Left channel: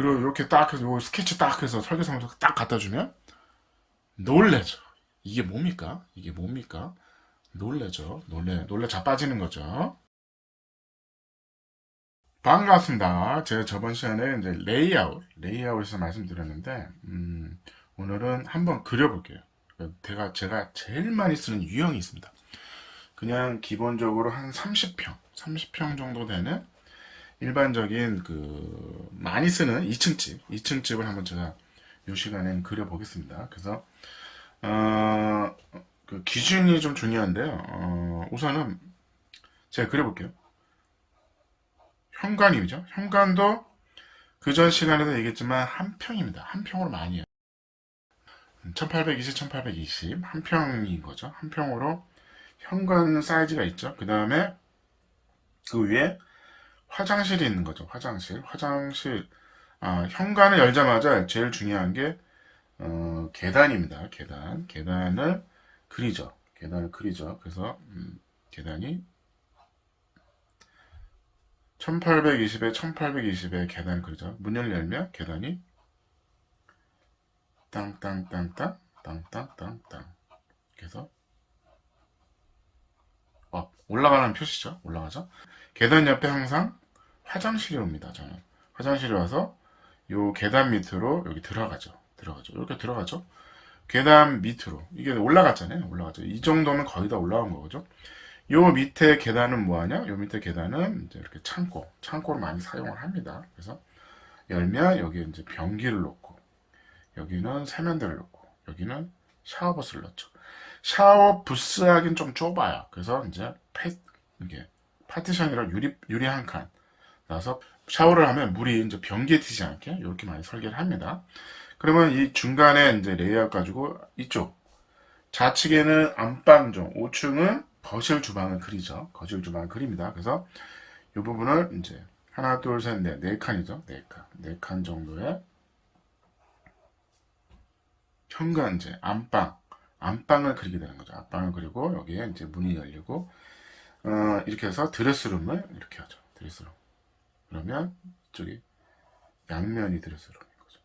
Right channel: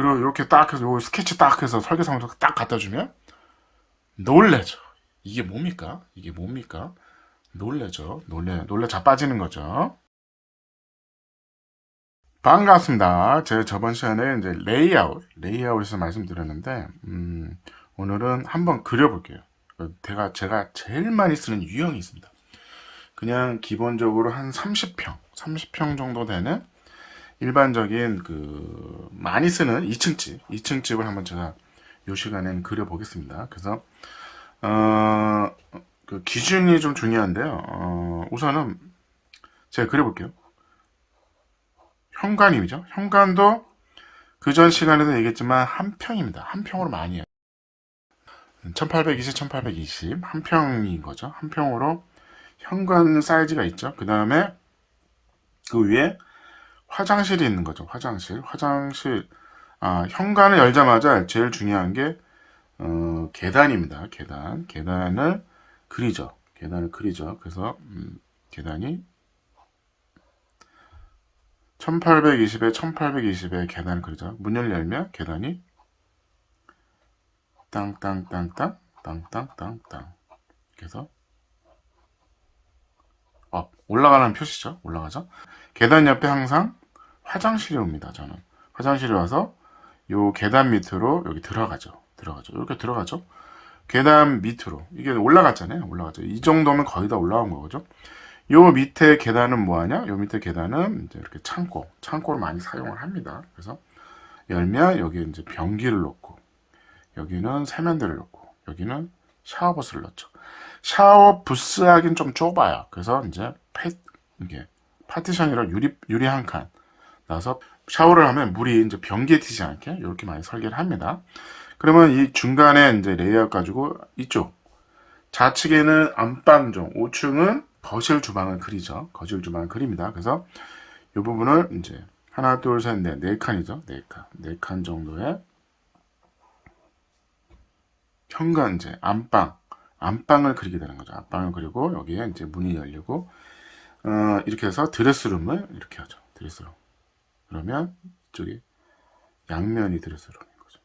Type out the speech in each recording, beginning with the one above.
그리고 이렇게 딱 해서 요 스케치 딱 해서 설계사무소 딱 갖다 주면 놀래죠. 이게 뭡니까? 이게 뭡니까? 놀래죠. 놀래, 놀래 자 빠지는 거죠. 반갑습니다. 제가 저번 시간에 이제 레이아웃, 레이아웃에서 말씀드렸는데, 음, 오늘은 한번 그려볼게요. 제가, 제가 제일 많이 쓰는 유형이 있습니다. 그냥 기본적으로 한 30평, 30평 정도 되는 일반적인 그, 많이 쓰는 2층 집, 2층 집을 한번 제가 이 시간에는 그려보겠습니다. 그래서, 어, 그 기준이 좀 중요한데요. 어, 우선은 제가 그려볼게요. 현관이죠. 현관도 그전 시간에도 얘기했지만 한 평입니다. 한 평으로 많이 해요. 1820, 1820, 한 평인 거죠. 한 평으로 현관 사이즈가 있죠. 그 다음에 그 위에 화장실이 있는 거죠. 화장실. 화장실. 아, 현관을 열자마자 제일 중요한 게, 어, 계단입니다. 계단. 계단을 그리죠. 계단을 그리죠. 그래서, 음, 계단이 1820에 1820에 계단을 그리죠. 문을 열면 계단이 땅땅땅땅 땅땅땅땅 그래서 어, 올라가는 표시죠. 올라가죠. 계단 옆에 항상 화장실이 옵니다. 저는 화장실에 와서 요 계단 밑으로 여기 들어가죠. 들어가죠. 이렇게 들어가죠. 계단 밑으로 이게 올라갔잖아요. 올라가죠. 이 정도면 거의 다 올라온 거죠. 요 밑에 계단은 뭐하냐? 요 밑에 계단은 이제 이렇게 창고, 창고를 많이 사용을 합니다. 그래서 열면 여기 이제 변기를 놓고 여기는 세면대를 놓고 여기는 샤워 부스를 넣죠. 샤워 부스 하긴 좀 좁아요. 그래서 이제 패, 이게 파티션이라 유리 유리 한 칸. 나서 샤워를 하면 물이 이제 변기에 튀지 않게 이렇게 많이 설계를 합니다. 그러면 이 중간에 이제 레이아웃 가지고 이쪽 좌측에는 안방종, 우측은 거실 주방을 그리죠. 거실 주방을 그립니다. 그래서 이 부분을 이제 하나, 둘, 셋, 넷, 네 칸이죠. 네 칸, 네 칸 정도의 현관제, 안방, 안방을 그리게 되는 거죠. 안방을 그리고 여기에 이제 문이 열리고 어, 이렇게 해서 드레스룸을 이렇게 하죠. 드레스룸. 그러면 이쪽이 양면이 드레스룸인 거죠.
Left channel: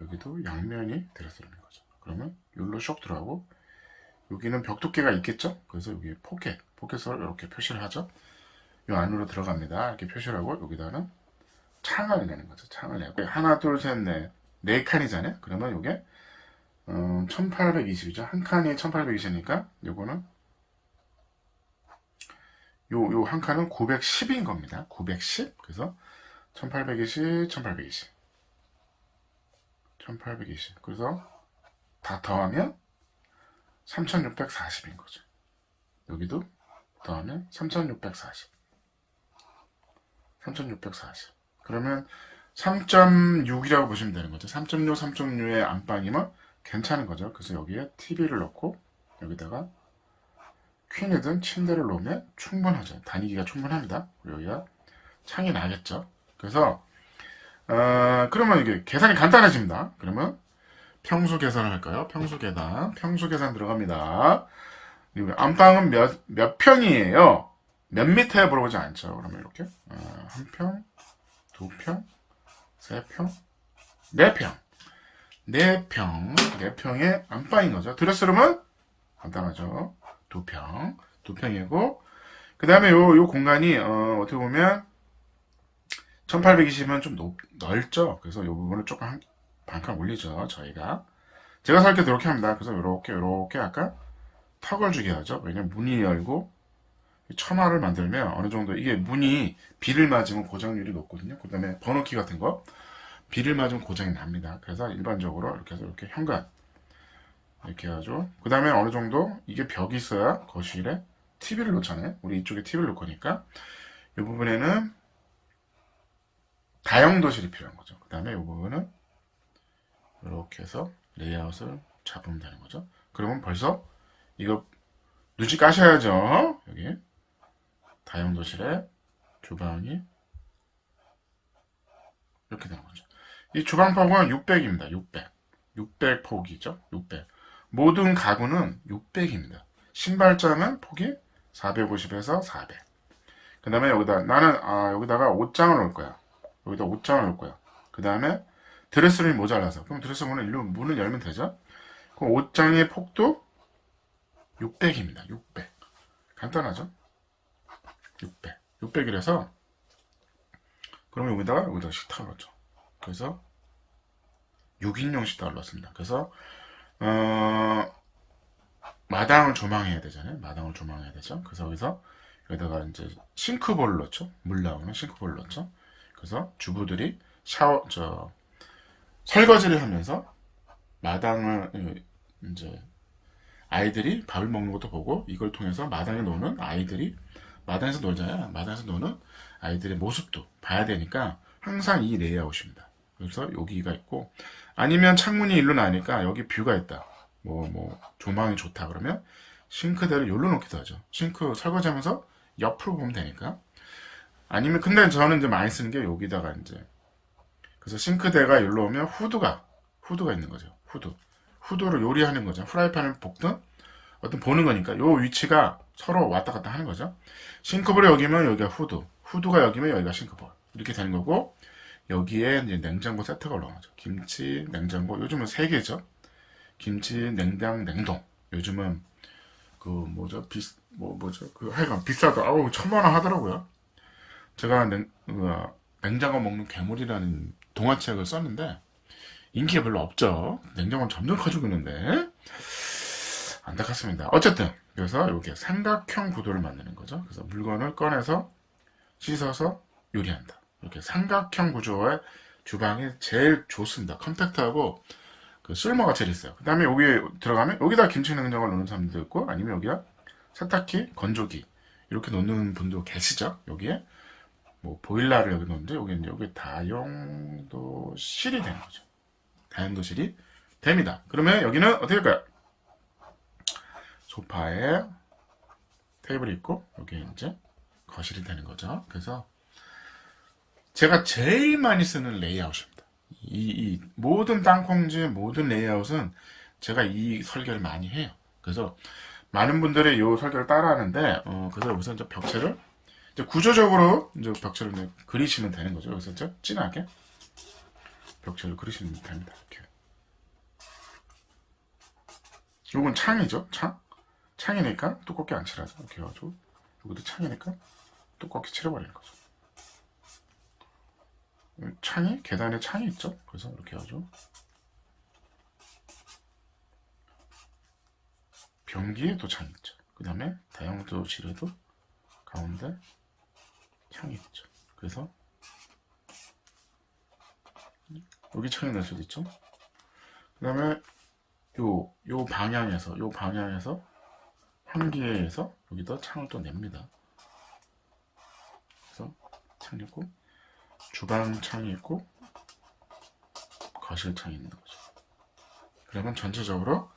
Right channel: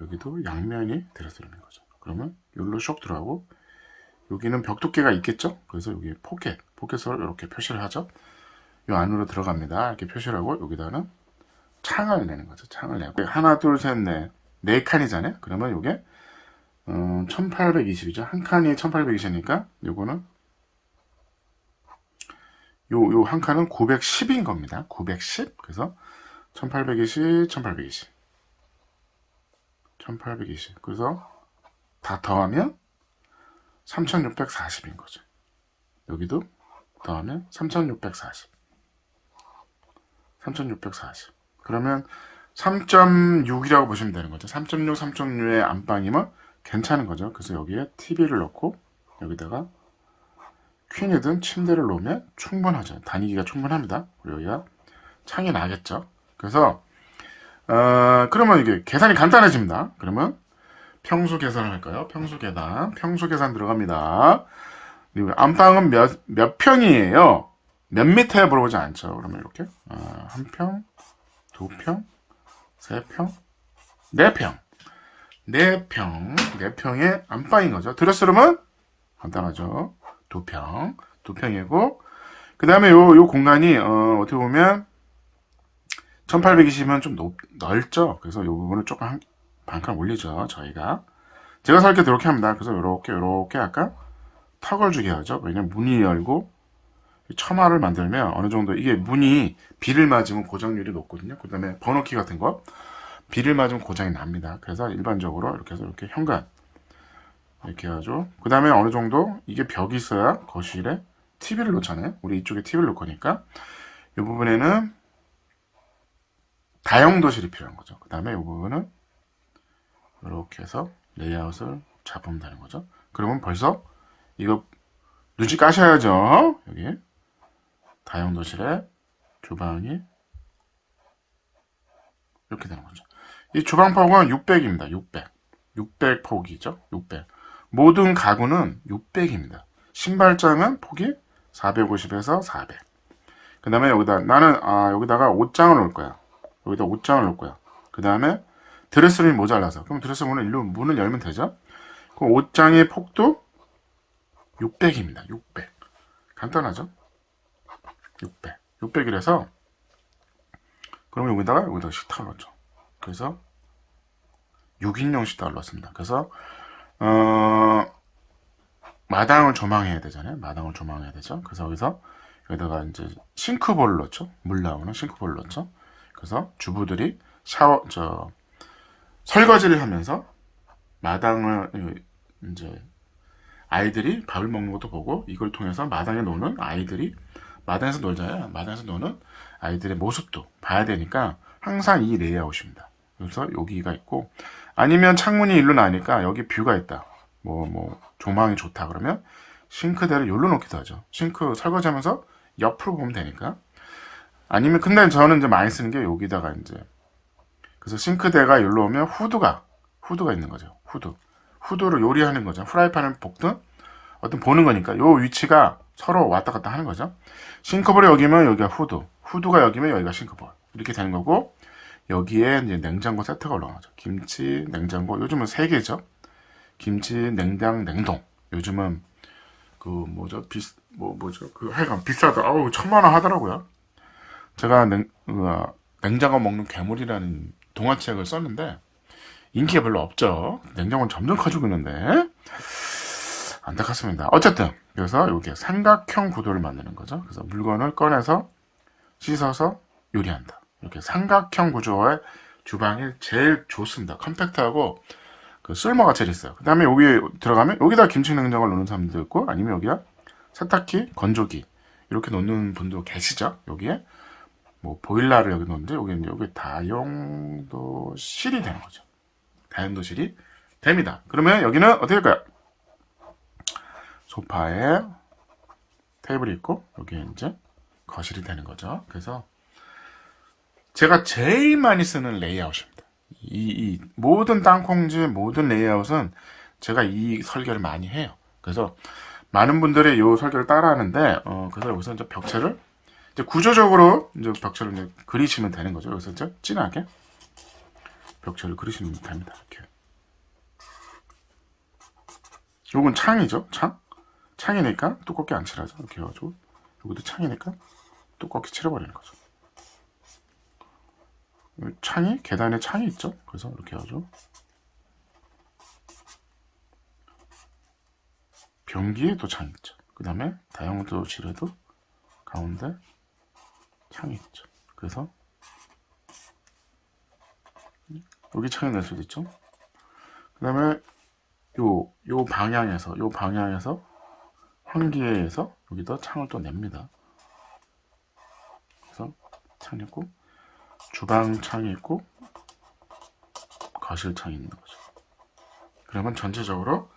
여기도 양면이 드레스룸인 거죠. 그러면 여기로 쏙 들어가고 여기는 벽 두께가 있겠죠? 그래서 여기 포켓, 포켓을 이렇게 표시를 하죠. 이 안으로 들어갑니다. 이렇게 표시를 하고 여기다는 창을 내는 거죠. 창을 내고 하나, 둘, 셋, 넷, 네 칸이잖아요. 그러면 이게 음, 1820이죠. 한 칸이 1820이니까 요거는 요, 요 한 칸은 910인 겁니다. 910. 그래서 1820, 1820. 1820. 그래서 다 더하면 3640인 거죠. 여기도 더하면 3640. 3640. 그러면 3.6이라고 보시면 되는 거죠. 3.6, 3.6의 안방이면 괜찮은 거죠. 그래서 여기에 TV를 넣고 여기다가 퀸이 든 침대를 놓으면 충분하죠. 다니기가 충분합니다. 여기가 창이 나겠죠. 그래서 어, 그러면 이게 계산이 간단해집니다. 그러면 평수 계산을 할까요? 평수 계산. 평수 계산 들어갑니다. 그리고 안방은 몇, 몇 평이에요? 몇 미터에 물어보지 않죠. 그러면 이렇게. 아, 한 평, 두 평, 세 평, 네 평. 네 평, 네 평의 안방인 거죠. 드레스룸은 간단하죠. 두 평, 두 평이고, 그 다음에 요, 요 공간이, 어, 어떻게 보면, 1820은 좀 높, 넓죠. 그래서 요 부분을 조금 한, 반칸 올리죠. 저희가. 제가 설계 이렇게 합니다. 그래서 이렇게, 이렇게 약간 턱을 주게 하죠. 왜냐면 문이 열고, 처마를 만들면 어느 정도, 이게 문이 비를 맞으면 고장률이 높거든요. 그 다음에 번호키 같은 거. 비를 맞으면 고장이 납니다. 그래서 일반적으로 이렇게 해서 이렇게 현관. 이렇게 하죠. 그 다음에 어느 정도 이게 벽이 있어야 거실에 TV를 놓잖아요. 우리 이쪽에 TV를 놓을 거니까. 이 부분에는 다용도실이 필요한 거죠. 그 다음에 이 부분은 이렇게 해서 레이아웃을 잡으면 거죠. 그러면 벌써 이거 누지 까셔야죠. 여기 다용도실에 주방이 이렇게 되는 거죠. 이 주방 폭은 600입니다. 600. 600 폭이죠. 600. 모든 가구는 600입니다. 신발장은 폭이 450에서 400. 그 다음에 여기다, 나는, 아, 여기다가 옷장을 놓을 거야. 여기다 옷장을 놓을 거야. 그 다음에 드레스룸이 모자라서. 그럼 드레스 문을 일로 문을 열면 되죠? 그럼 옷장의 폭도 600입니다. 600. 간단하죠? 600. 600이라서 그러면 여기다가 여기다가 식탁을 넣죠. 그래서 6인용 식탁을 넣습니다. 그래서 어 마당을 조망해야 되잖아요. 마당을 조망해야 되죠. 그래서 여기서 여기다가 이제 싱크볼을 넣죠. 물 나오는 싱크볼을 넣죠. 그래서 주부들이 샤워 저 설거지를 하면서 마당을 어, 이제 아이들이 밥을 먹는 것도 보고 이걸 통해서 마당에 노는 아이들이 마당에서 놀잖아요. 마당에서 노는 아이들의 모습도 봐야 되니까 항상 이 레이아웃입니다. 그래서 여기가 있고 아니면 창문이 일로 나니까 여기 뷰가 있다. 뭐뭐 조망이 좋다 그러면 싱크대를 여기로 놓기도 하죠. 싱크 설거지하면서 옆으로 보면 되니까. 아니면 근데 저는 이제 많이 쓰는 게 여기다가 이제 그래서 싱크대가 여기로 오면 후드가 후드가 있는 거죠. 후드. 후드를 요리하는 거죠. 후라이팬을 볶든 어떤 보는 거니까 요 위치가 서로 왔다 갔다 하는 거죠. 싱크볼이 여기면 여기가 후드, 후드가 여기면 여기가 싱크볼 이렇게 되는 거고 여기에 이제 냉장고 세트가 올라가죠. 김치, 냉장고 요즘은 세 개죠. 김치, 냉장, 냉동. 요즘은 그 뭐죠 비 뭐 뭐죠 그 하여간 비싸다. 아우 천만 원 하더라고요. 제가 냉 그, 냉장고 먹는 괴물이라는 동화책을 썼는데 인기가 별로 없죠. 냉장고는 점점 커지고 있는데 안타깝습니다. 어쨌든 그래서 이렇게 삼각형 구도를 만드는 거죠. 그래서 물건을 꺼내서 씻어서 요리한다. 이렇게 삼각형 구조의 주방이 제일 좋습니다. 컴팩트하고 그 쓸모가 제일 있어요. 그 다음에 여기 들어가면 여기다 김치 냉장고를 놓는 사람도 있고 아니면 여기가 세탁기, 건조기 이렇게 놓는 분도 계시죠. 여기에 뭐 보일러를 여기 놓는데 여기는 여기 다용도실이 되는 거죠. 다용도실이 됩니다. 그러면 여기는 어떻게 할까요? 소파에 테이블이 있고 여기에 이제 거실이 되는 거죠. 그래서 제가 제일 많이 쓰는 레이아웃입니다. 이, 이 모든 땅콩지의 모든 레이아웃은 제가 이 설계를 많이 해요. 그래서 많은 분들이 이 설계를 따라하는데 어, 그래서 여기서 이제 벽체를 이제 구조적으로 이제 벽체를 이제 그리시면 되는 거죠. 그래서 이제 진하게 벽체를 그리시면 됩니다. 이렇게. 요건 창이죠. 창. 창이니까 두껍게 안 칠하죠. 이렇게 해가지고 여기도 창이니까 두껍게 칠해버리는 거죠. 창이 계단에 창이 있죠. 그래서 이렇게 해가지고 변기에도 창이 있죠. 그 다음에 다용도실에도 가운데 창이 있죠. 그래서 여기 창이 낼 수도 있죠. 그 다음에 요, 요 방향에서, 요 방향에서 환기에서 여기다 창을 또 냅니다. 그래서 창이 있고, 주방 창이 있고, 거실 창이 있는 거죠. 그러면 전체적으로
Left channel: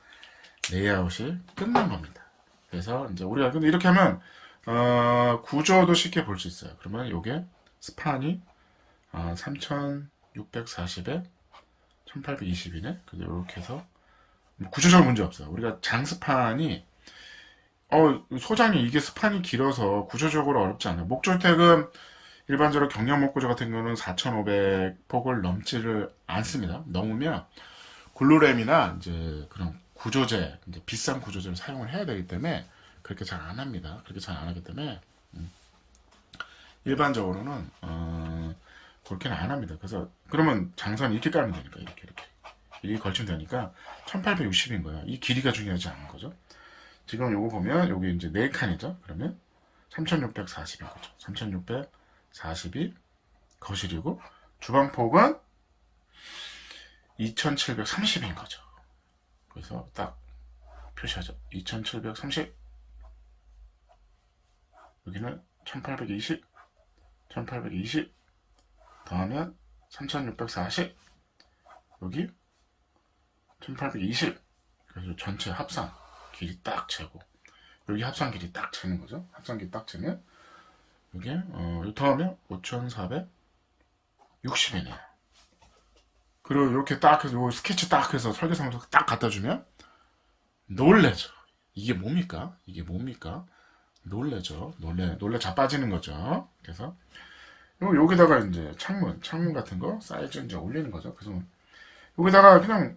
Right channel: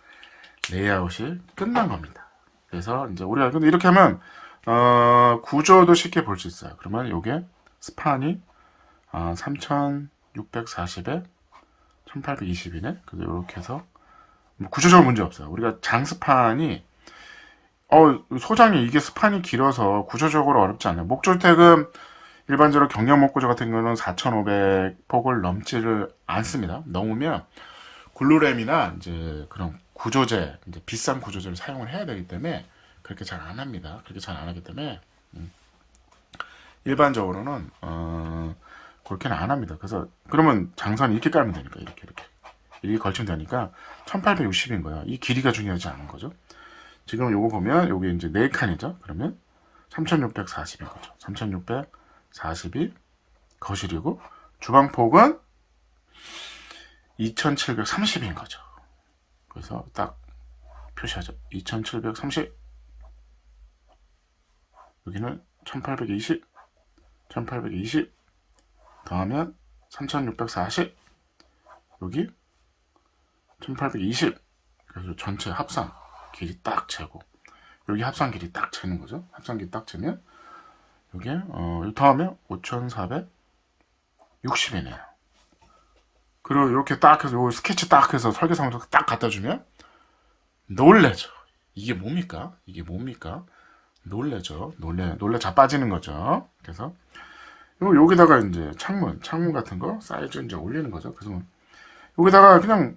레이아웃이 끝난 겁니다. 그래서 이제 우리가 근데 이렇게 하면 어, 구조도 쉽게 볼 수 있어요. 그러면 요게 스판이 어, 3640에 1820이네. 그래서 이렇게 해서 뭐 구조적으로 문제 없어요. 우리가 장 스판이 어 소장이 이게 스판이 길어서 구조적으로 어렵지 않아요. 목주택은 일반적으로 경량 목구조 같은 경우는 4,500폭을 넘지를 않습니다. 넘으면 글루램이나 이제 그런 구조재, 이제 비싼 구조재를 사용을 해야 되기 때문에 그렇게 잘 안 합니다. 그렇게 잘 안 하기 때문에 음, 일반적으로는 어, 그렇게는 안 합니다. 그래서 그러면 장선 이렇게 깔면 되니까 이렇게 이렇게 이렇게 걸치면 되니까 1860인 거야. 이 길이가 중요하지 않은 거죠. 지금 요거 보면 요게 이제 4칸이죠. 그러면 3640인 거죠. 3640 이 거실이고 주방 폭은 2730인 거죠. 그래서 딱 표시하죠. 2730 여기는 1820 1820 더하면 3640 여기 1820 그래서 전체 합산 길이 딱 재고 여기 합산 길이 딱 재는 거죠. 합산 길이 딱 재면 여기 어 다음에 5460이네요. 그리고 이렇게 딱 해서 요 스케치 딱 해서 설계상으로 딱 갖다 주면 놀래죠. 이게 뭡니까? 이게 뭡니까? 놀래죠. 놀래 놀래 자빠지는 거죠. 그래서 여기다가 이제 창문, 창문 같은 거 사이즈 이제 올리는 거죠. 그래서 여기다가 그냥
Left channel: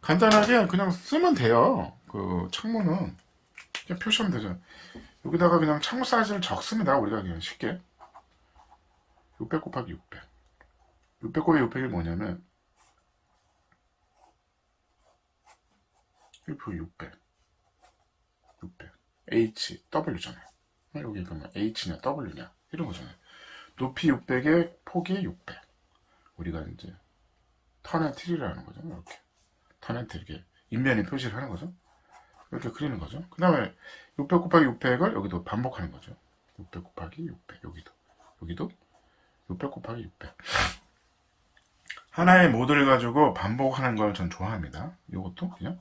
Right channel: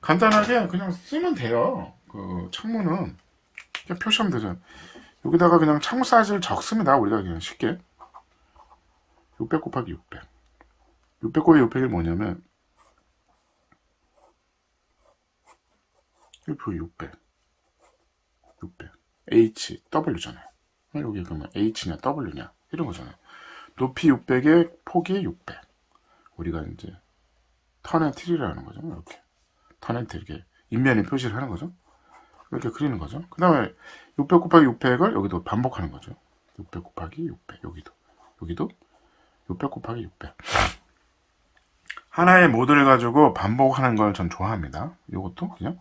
간단하게 그냥 쓰면 돼요. 그 창문은 그냥 표시하면 되죠. 여기다가 그냥 창문 사이즈를 적습니다. 우리가 그냥 쉽게 600 곱하기 600. 600 곱하기 600이 뭐냐면 1% 600. 600. H, W잖아요. 여기 그러면 H냐 W냐 이런 거잖아요. 높이 600에 폭이 600. 우리가 이제 턴앤트리라는 거죠. 이렇게 턴앤트 이렇게 인면에 표시를 하는 거죠. 이렇게 그리는 거죠. 그 다음에 600 곱하기 600을 여기도 반복하는 거죠. 600 곱하기 600 여기도 여기도 600 곱하기 600 하나의 모드를 가지고 반복하는 걸 전 좋아합니다. 이것도 그냥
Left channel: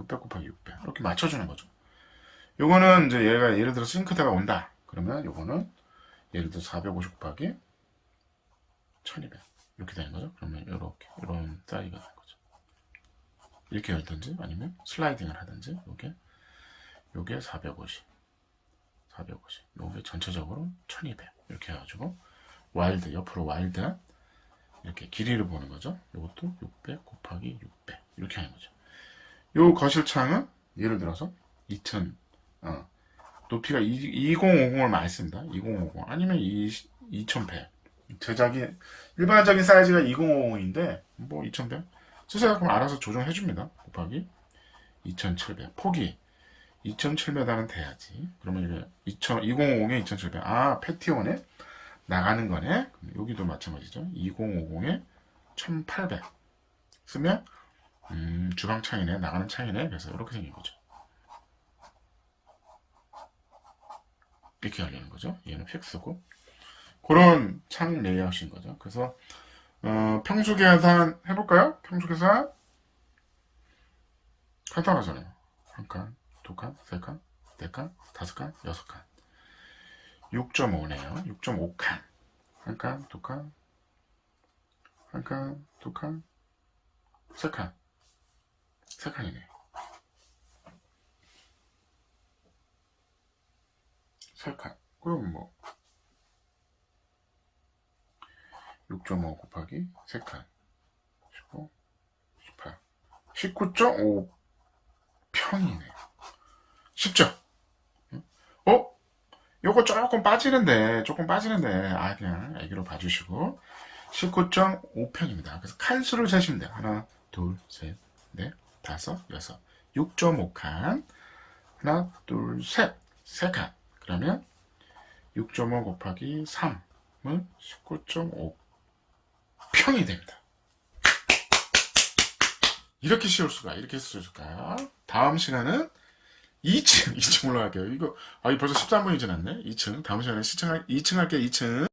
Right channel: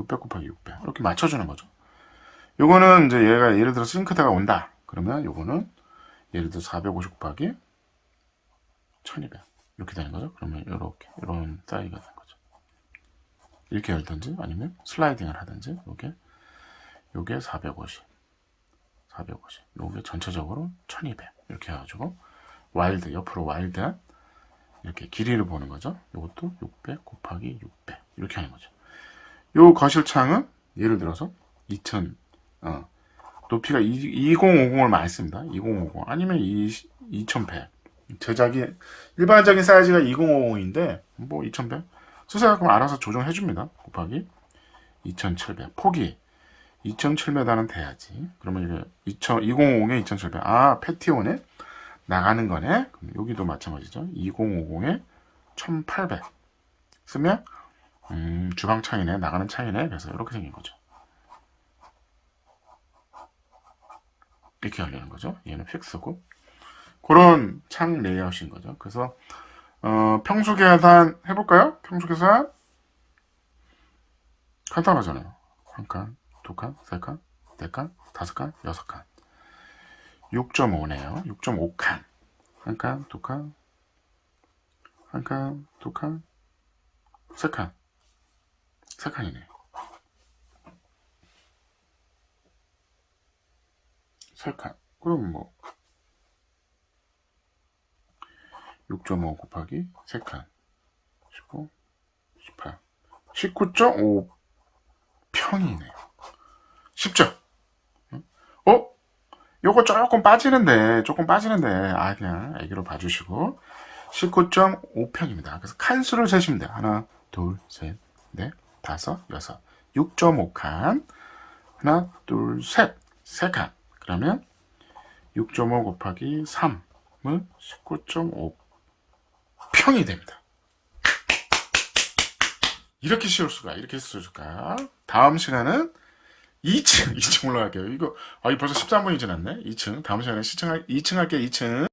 600 곱하기 600 이렇게 맞춰주는 거죠. 요거는 이제 얘가 예를 들어 싱크대가 온다. 그러면 요거는 예를 들어 450 곱하기 1200 이렇게 되는 거죠. 그러면 이렇게 이런 사이즈가 되는 거죠. 이렇게 열든지 아니면 슬라이딩을 하든지 요게 요게 450 450 요게 전체적으로 1200 이렇게 해가지고 와일드 옆으로 와일드한 이렇게 길이를 보는 거죠. 요것도 600 곱하기 600 이렇게 하는 거죠. 요 거실창은 예를 들어서 2000 어, 높이가 2050을 많이 씁니다. 2050 아니면 2100 제작이 일반적인 사이즈가 2050인데 뭐 2100 쓰세요. 그럼 알아서 조정해 줍니다. 곱하기 2700 폭이 2700은 돼야지. 그러면 이게 2000, 2050에 2700. 아, 패티온에 나가는 거네. 여기도 마찬가지죠. 2050에 1800 쓰면 음, 주방 창이네. 나가는 창이네. 그래서 이렇게 생긴 거죠. 이렇게 하려는 거죠. 얘는 픽스고. 그런 창 레이아웃인 거죠. 그래서 어, 평수 계산 해볼까요? 평수 계산 간단하잖아요. 한 칸, 두 칸, 세 칸, 네 칸, 다섯 칸, 여섯 칸. 6.5네요. 6.5칸. 한 칸, 두 칸, 한 칸, 두 칸, 세 칸. 세 칸이네. 세 칸. 그럼 뭐 6.5 곱하기 3칸 15, 18 19.5 평이네 쉽죠? 어? 요거 조금 빠지는데 조금 빠지는데. 아 그냥 애기로 봐주시고. 19.5평입니다. 그래서 칸수를 세시면 돼요 하나 둘 셋 넷 다섯 여섯. 6.5칸. 하나 둘 셋. 세 칸. 그러면 6.5 곱하기 3은 19.5 평이 됩니다. 이렇게 쉬울 수가, 이렇게 쓸 수가. 다음 시간은 2층, 2층 올라갈게요. 이거, 아, 이 벌써 13분이 지났네? 2층. 다음 시간에 2층, 2층 할게요, 2층.